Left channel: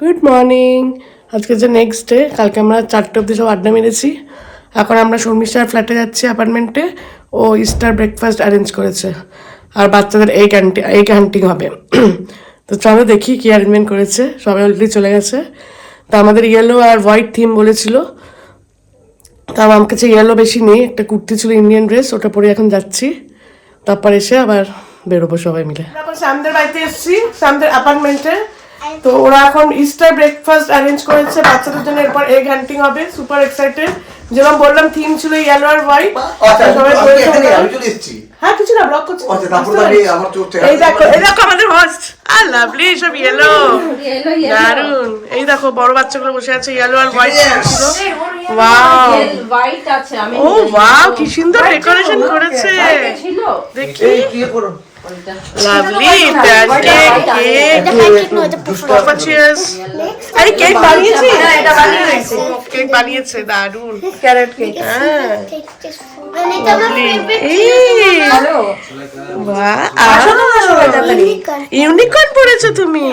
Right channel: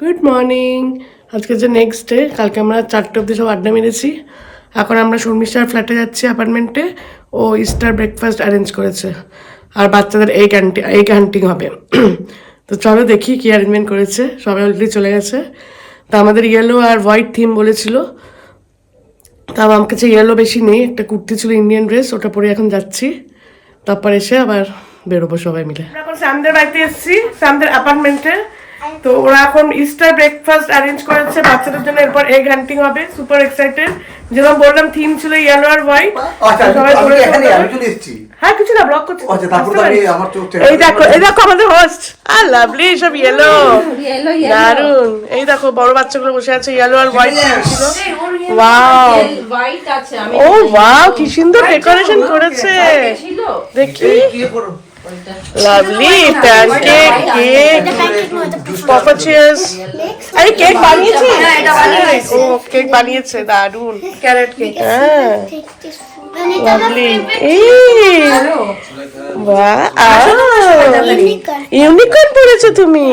Good morning আজকে যে next day কালকে আমরা চারটে অবধি সব আড্ডা মেরেছি। এখন আমরা শর্মিষ্ঠার ফ্ল্যাটে যাচ্ছি অ্যাপার্টমেন্টে ও ইস্টার ব্রেকফাস্ট অ্যারেঞ্জ করেছে। আর বাচ্চাদের এই ক্যান্টি এই ক্যান্টিং হবে। তো চলো দেখি কী অ্যারেঞ্জমেন্ট করেছে। সবাই অলরেডি চলে গেছে। তো আমাদের ইয়েলো আর হোয়াইট থিম বলেছিল। তা আমার কাছে ইয়েলো বেশি নেই। একটা কুর্তি ছিল ইন্ডিয়ান ড্রেস ওটা পরে এখন যাচ্ছি। তারপর এসে আবার বেরোবো সবাই মিলে। এখন স্যামদের বাড়িতে এসেছি। স্যামদের অ্যাপার্টমেন্টে তো ওরা এখন ইস্টার ব্রেকফাস্ট অ্যারেঞ্জ করেছে বাচ্চাদের জন্য এরপর এগ হান্টিং হবে সুপার এক্সাইটেড যেরকম বললাম থিম ছিল ইয়েলো আর হোয়াইট আচ্ছা সবাই হ্যাঁ কিছু না ব্লক করছি আচ্ছা, এই দেখো এই দেখো আমাদের হোস্ট আর লাভলি সব ইয়েলো দারুণ এই দেখো বড় বাচ্চাগুলো বসে আছে ইয়েলো আর হোয়াইট ছিল ওয়াও হোয়াইট আছে আমি ও ওয়াও কি সুন্দর ডেকোরেশন করেছে দেখি ইয়ে করো লাভলি প্যানকেক কেক পপা চিয়ার্স আরে কেক বানিয়েছি কেক বানিয়েছে দারুণ ক্যারেট কেক হ্যাঁ। লাভলি এই ইউনিকর্ন পড়েছো তুমি।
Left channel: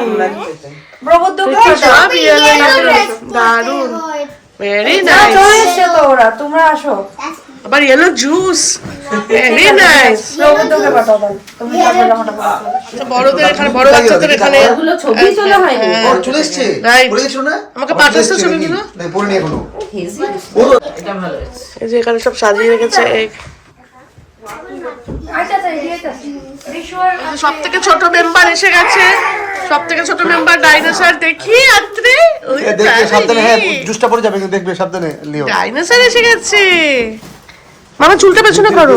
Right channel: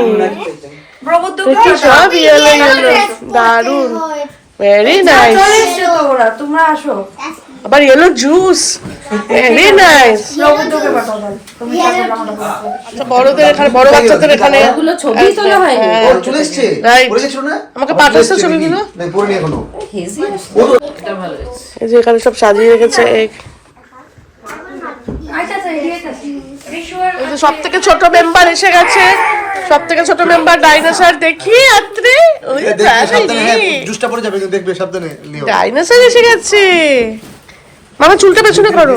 দেখি সব ইয়েলো ইয়েলো দারুণ ভেরি নাইস তোমরা আসো। আবার ইয়েলো জুস ভেরি নাইস আচ্ছা বড়দের এখানে বড় বাচ্চাদের এখানে হ্যাঁ। আমাকে পাঠাচ্ছে ছবিগুলো না, পড়ে নি এখনও। হেজি এটা ভালো হয়েছে। এই যে এখানে সব সাজিয়ে রেখেছে এই। এই সব থেকে ছোট মেম্বার এসে গেছে। সব থেকে ছোট মেম্বার ডাইনোসর দেখি আত্রে। ওই এ, দেখবে সাবধানে হ্যাঁ জুসটা পড়ে যাবে দেখবে সাবধানে ডাইনোসর এসে গেছে। মামা চুলটা পেছনে করো।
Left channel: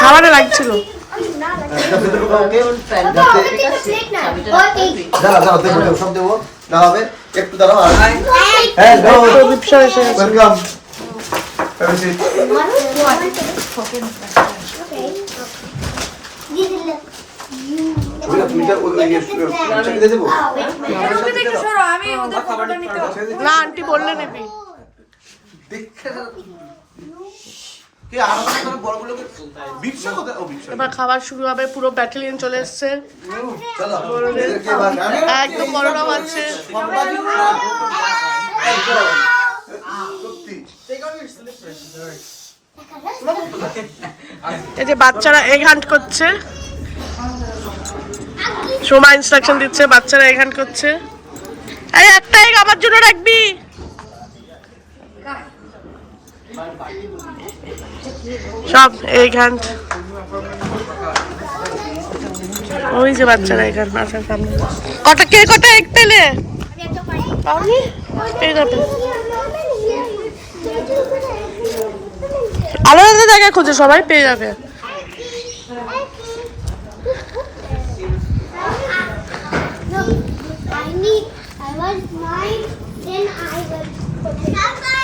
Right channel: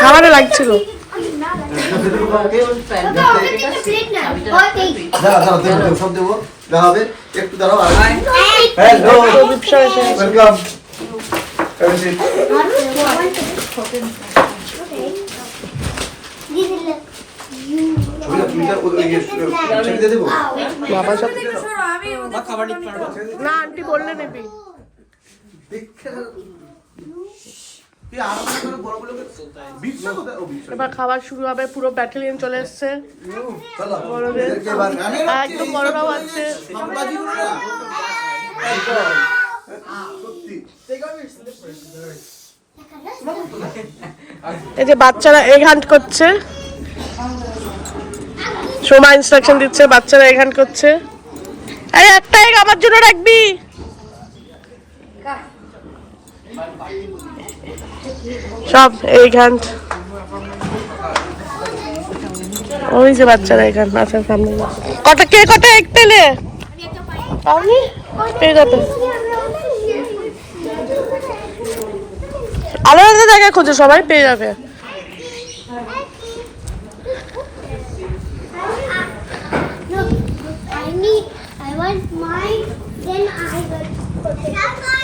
খাবারে লাগছিল। না আন্টি বললে নিবি। এবার খাবার শুরু হবে পুরো ব্যাটালিয়ন চলে এসছে। একদম বড়রাও আছে। এই যে বাচ্চারা এগ হান্ট করছে। সোমা ইনস্ট্রাকশন দিচ্ছে বাচ্চারা এগ হান্ট করছে। এই একটা এগ আমার জন্য রাখবি। সব এইখান ওই যে বাচ্চারা এখান আসার সামনে কটা কে কটা পেলে পাওনি পেয়ে যাবে আলাদা আলাদা জায়গায় খোঁজো, সবাই পেয়ে যাবে. I want mine. Then I will.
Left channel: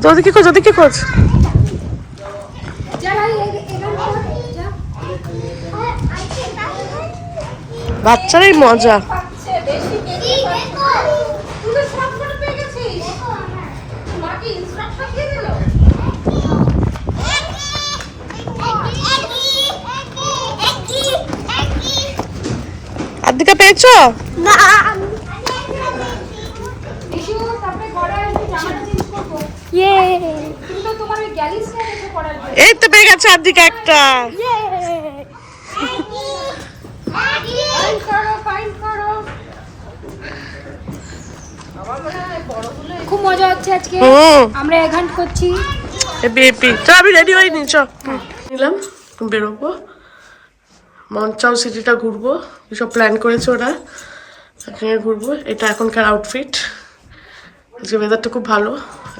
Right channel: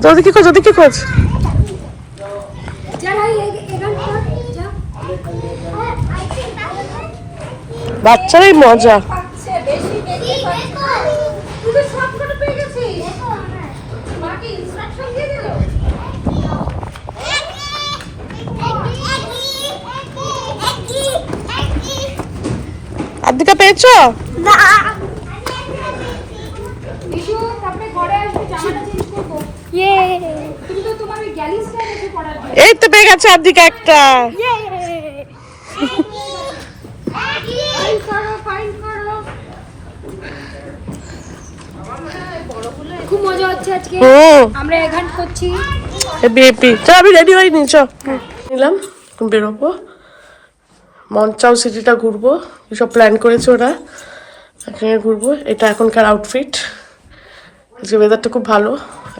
তো ওদিকে খোঁজ ওদিকে খোঁজ বাচ্চারাই মজা। আদিকা পেয়েছ? এই তো পেয়ে গেছে আদিকা একটা। খুব মজা হচ্ছে আজকে। আমরা এভেন্ট করছি। বিএপি চল আমি রেডি হইনি চ। হুম, নিলাম বেরোবো। মঞ্চাও সিটিটা ঘুরবো। এসব প্ল্যান করেছে ওরা। এখানে ঘুরবো। এটা এখনকার আউটফিট আজকে ওয়েদারটা খুব ভালো।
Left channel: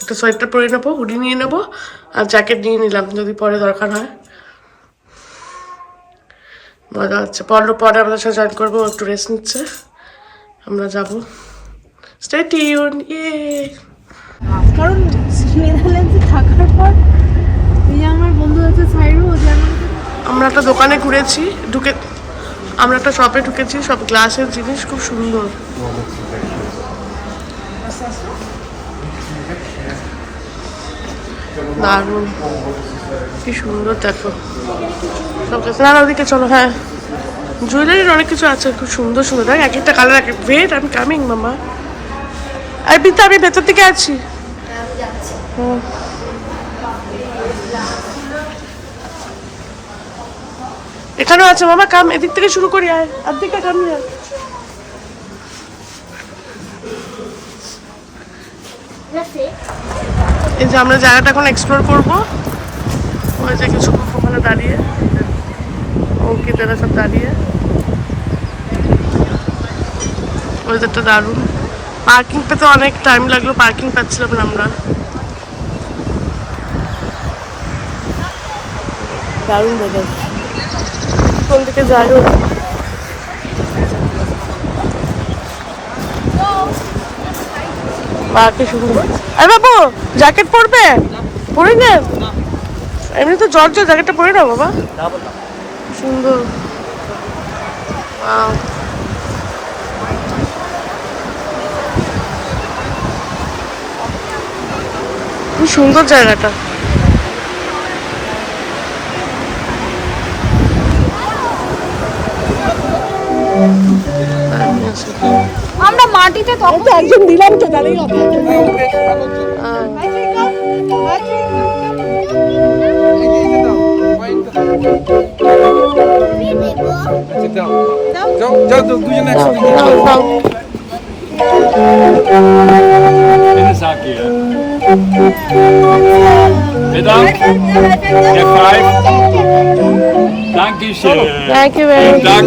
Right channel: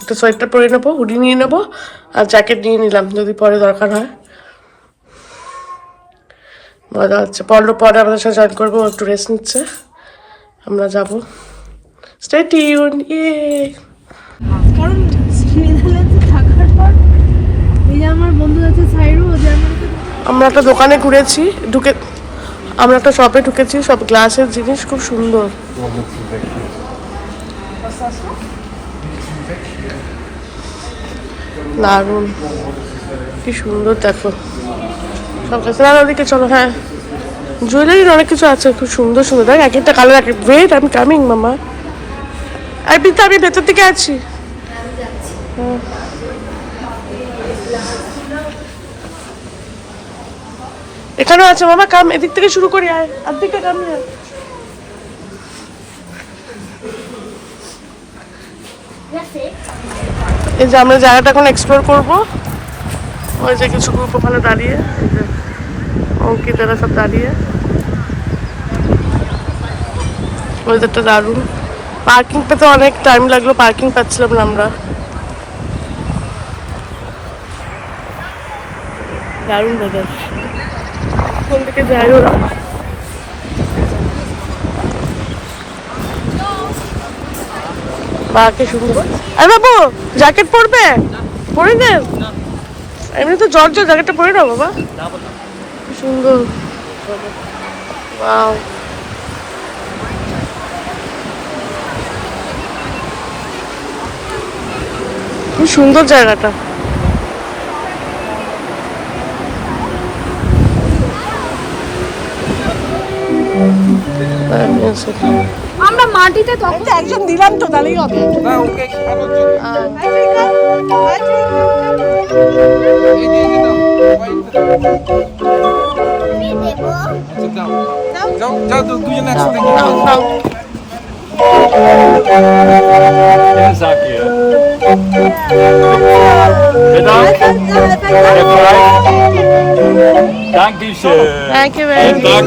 একটা সোয়েটার পরে নেব হুডি নিয়ে নেব আর জ্যাকেট নিয়ে নিলাম যদি পরে দরকার হয়। মজা হচ্ছে। পড়ল পরে আমাদের সাথে জয়েন করব একটু রেস্ট নিচ্ছে। আমরা যাব। স্টে টিউন ইয়ে কারণ নেদারল্যান্ডসে থাকার পর আমার বন্ধু আছে সাইরো আমরা একটা দোকানে ঘুরেছি ঢুকে আমরা একটা শপে ঢুকেছি সব গ্লাসের জিনিস খুব সুন্দর। দারুণ। কি সুন্দর দেখো। সব কাছে না ওদিকে চলো হ্যাঁ। জুয়েলারির অনেক কিছু আছে, খুব সুন্দর সুন্দর। দেখ, এক একটা কালার এক ওয়েট আমি কামিং মামা। আর বিদ্যা, আমি ভেতর দিকে আছি। হুম। এখানেও আছে, মামা কাম এদিক থেকে শুরু করি আর অর্ধেকটা কাম আর That's. এই যে আমরা জায়গাটা এখন এক্সপ্লোর করব। ওই যে কিছু গ্রুপ ওখানে দাঁড়িয়ে। অঙ্কিতারা সব দাঁড়িয়ে। ওয়েদারটা দারুণ। পার্কিং পেতে অনেক টাইম লাগল পার্কিং পাচ্ছিলাম না আমরা। দারুণ ওয়েদার কোন দিকে যাই ওরা? বা কি সুন্দর। আরে বাবু জ্যাকেট পরবে? পরে নে। এমনি তো জ্বর জ্বর জ্যাকেটটা পরে নাও বাবা। সুন্দর। Wow. খুব সুন্দর জায়গাটা। আমরা মাটিতে তখন একজন দিলাম তো তাহলেই হবে। Den Sack hier. Bitte? Der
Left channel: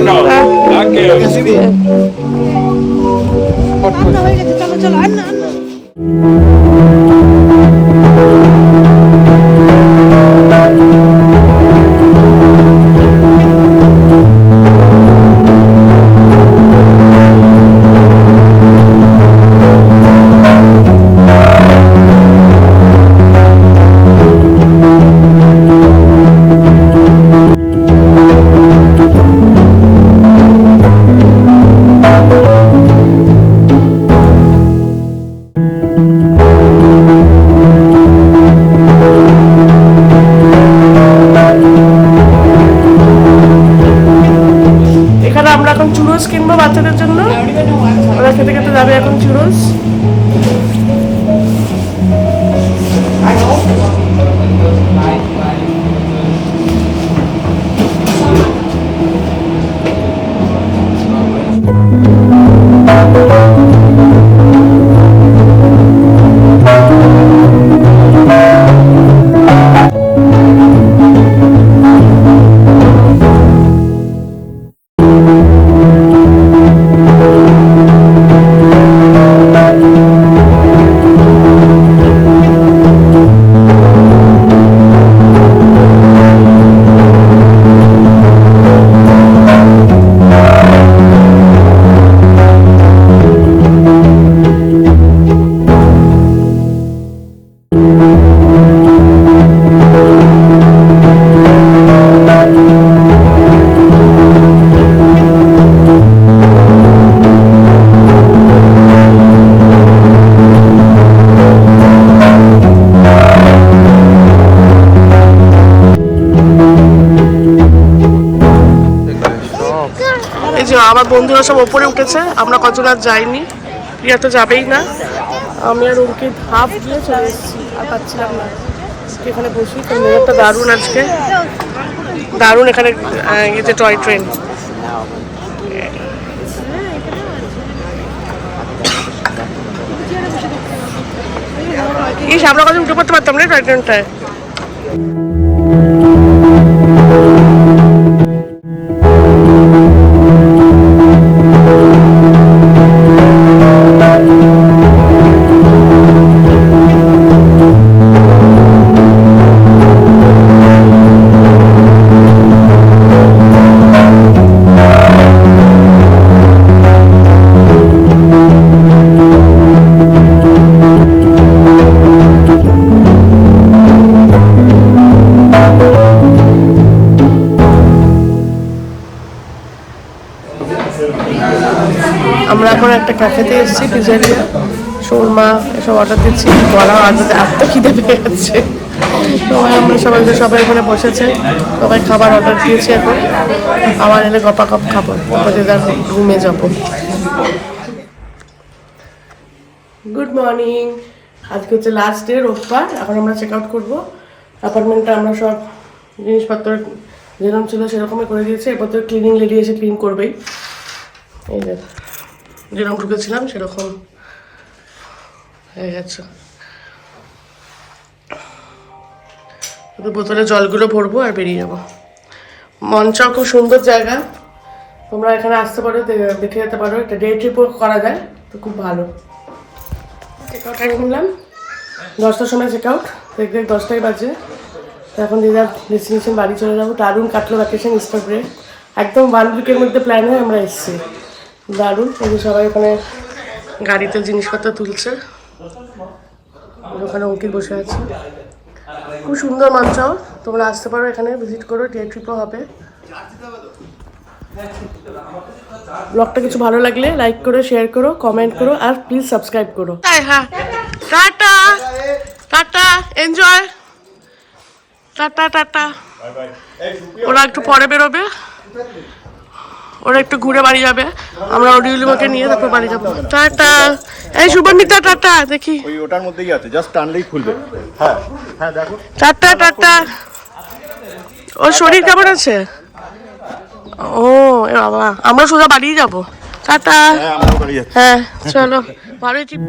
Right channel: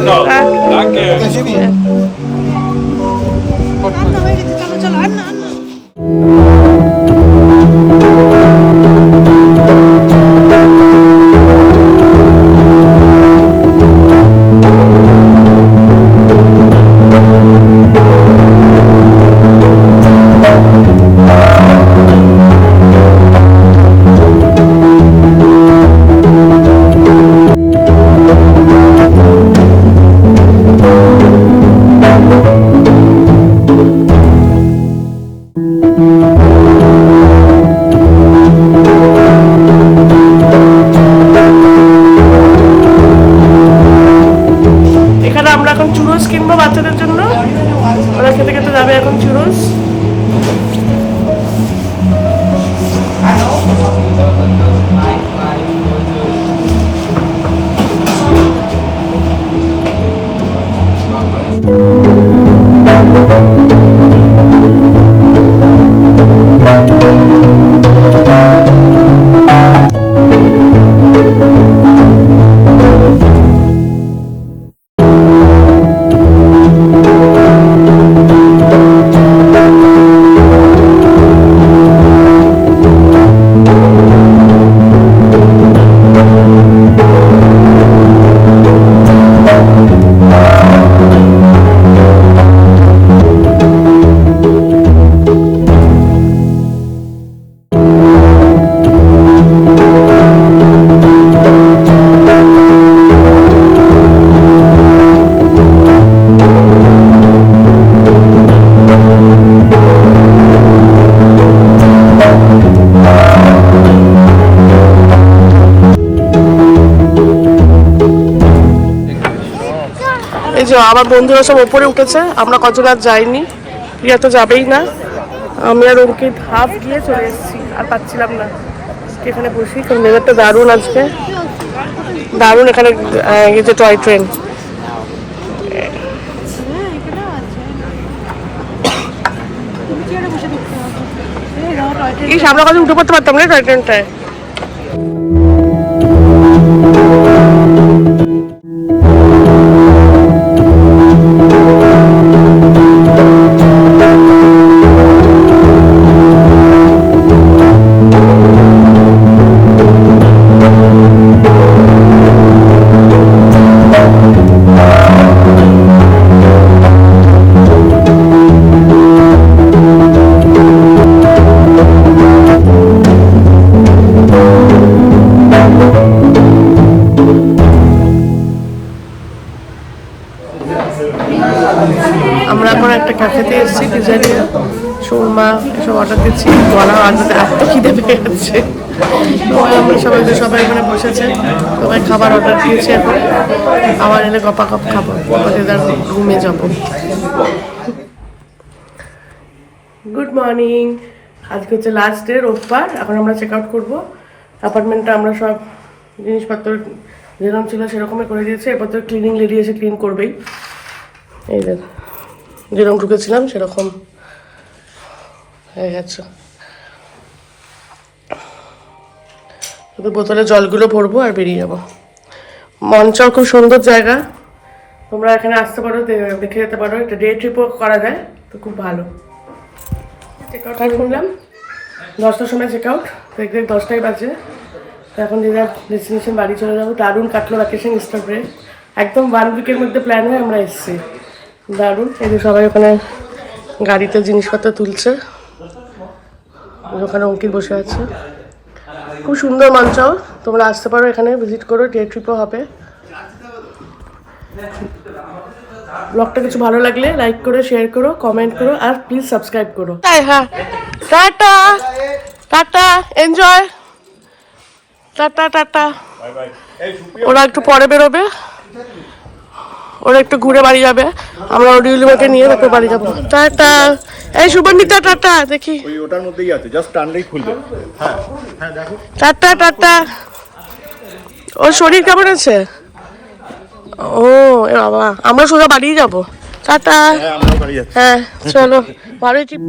Fleck. Dankeschön. Thank you very Dank noch. এই যে আমার বন্ধুরা সব ওপরে উঠেছে, আমরা কজন আর যাইনি। প্রিয়া তো যাবেই না। আমি আর ওকে হাফ গিয়ে চলে এসেছি, আর পাচ্ছিলাম না। এখানে বসি খুব মেয়েরটা দারুণ আজকে। দারুণ এখানে এই টয় ট্রেন এই আমরা কখন উঠে পড়তে পারতাম না টয়। ট্রেনটায় এখন ক্যাফেতে এসেছি পিজারিয়া শোরমা, এসব অর্ডার দিচ্ছি। গলা আজ এত খিদে পেয়ে যাচ্ছে সবাই, আমরা সবাই সবাই ওখানে বসেছে। সবাই খাবার অর্ডার দিয়েছে এখন। খাবার এলে গপা কপ খাব। তারপরে তার রুমে যাব। গুড মর্নিং আজকে হচ্ছে লাস্ট ডে রোববার। এখন আমরা চেক আউট করব। অ্যাপার্টমেন্টটা আমরা সব জিনিসপত্র যেরকম ছিল সেরকমই করে দিয়েছি। এরপর তো ক্লিনিং লেডি এসে ক্লিন করবেই। এই যে। যেরকম ঢুকেছিলাম, সেরকম হয়ে গেছে। শুধু বোতলে জলগুলো ভরবো আর বেরিয়ে যাব। মঞ্চও খুব সুন্দর জায়গা। তোমরা এখানে আসতে পারো দেখে যেতে পারো। এটা ডে ট্রিপও করা যায়, তো খুব ভালো। চেক আউট আগে নিলাম দশটার সময় চেক আউট দেখবে দশটাই বাজে। তো এখন যে যার ডেস্টিনেশন বাড়ি চলে যাব। দারুণ কাটলো ভ্যাকেশন ইস্টার একদম ওয়ান উইকের মধ্যে প্ল্যান হয়ে আমরা এসেছি। দারুণ। এই যে সবাই ওখানে গাড়িতে জিনিসপত্র তুলছে। ওখানে অঙ্কিত বসে আছে। খুব সুন্দর মঞ্চ তোমরা আসতে পারো এখানে ভিজিট করো ডে ট্রিপও হবে। ব্লগটা কিছু ভালো লাগলে লাইক করো শেয়ার করো কমেন্ট করো আর প্লিজ সাবস্ক্রাইব করো। হ্যাঁ। Tata. Tata. Enjoy tata tata. ওরা একটু পরে বেরোবে। ওরা একটু ঘুরে বাড়ি যাবে। আমরা অডিওলিমাকে নিয়ে তারপর বাড়ি যাব। টাটা। এই সুবর্ণিতা টাটা দেখি। ওই ওটার মধ্যেই আছে জাস্ট টানলেই খুলবে। Tata tata. ওর শরীর কেমন আছে? ও এ বাবা আমরা সোজা বাড়ি যাব। টাটা। হ্যাঁ আমরা বাড়ি যাচ্ছি। হ্যাঁ চলো। ভালোই ট্রিপ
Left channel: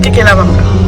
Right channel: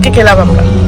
কালকে খেলাম আমরা